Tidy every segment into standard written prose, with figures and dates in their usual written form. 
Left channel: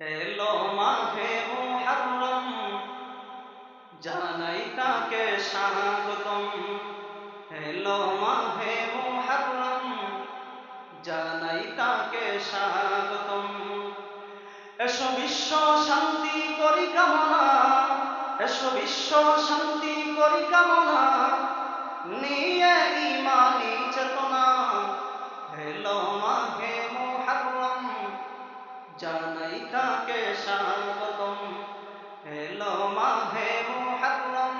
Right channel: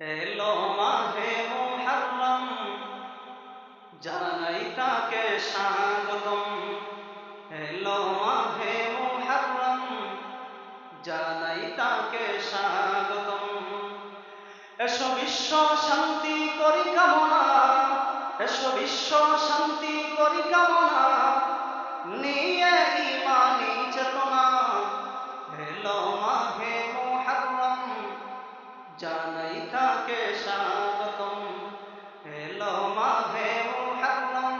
এলো মাহে মুহররম, জানাই তাকে স্বাগতম। এলো মাহে মুহররম, জানাই তাকে স্বাগতম। এসো বিশ্ব শান্তি করি কামনা, এসো বিশ্ব শান্তি করি কামনা, নিয়ে ইমানি চেতনা। এলো মাহে মুহররম, জানাই তাকে স্বাগতম। এলো মাহে মুহররম,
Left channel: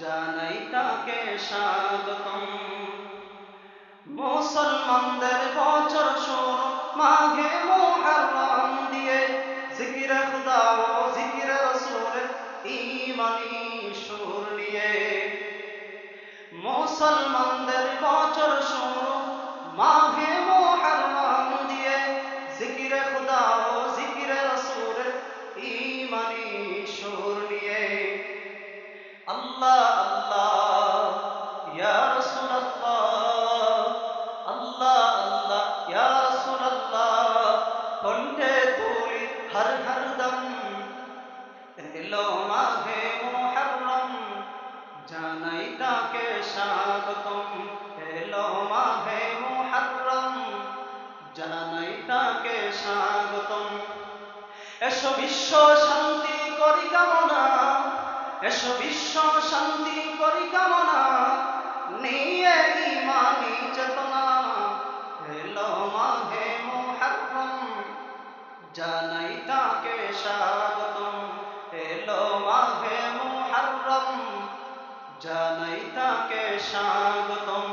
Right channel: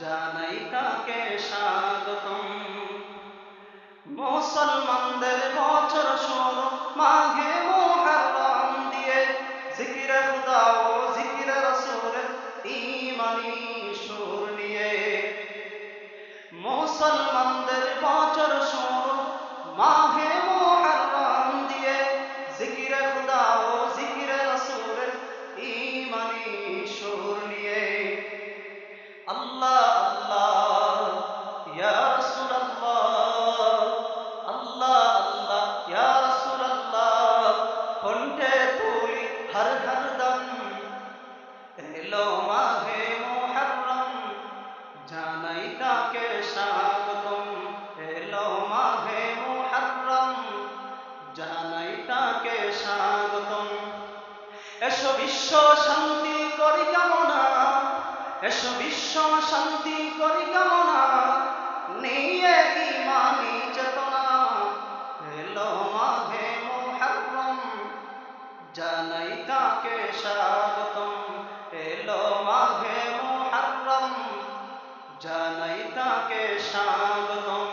জানাই তাকে স্বাগতম। মুসলমানদের বছর শুরু মাহে মুহররম দিয়ে, জিকিরে খুদা ও জিকিরে রাসূলের ঈমানি সুর নিয়ে। মুসলমানদের বছর শুরু মাহে মুহররম দিয়ে, জিকিরে খুদা ও জিকিরে রাসূলের ঈমানি সুর নিয়ে। আল্লাহ আল্লাহ ইয়া রাসূলুল্লাহ, আল্লাহ আল্লাহ ইয়া রাসূলুল্লাহ, কণ্ঠে তুলি হর হর দম। এলো মাহে মুহররম, জানাই তাকে স্বাগতম। এলো মাহে মুহররম, জানাই তাকে স্বাগতম। এসো বিশ্ব শান্তি করি কামনা, এসো বিশ্ব শান্তি করি কামনা, নিয়ে ইমানি চেতনা। এলো মাহে মুহররম, জানাই তাকে স্বাগতম। এলো মাহে মুহররম, জানাই তাকে স্বাগতম।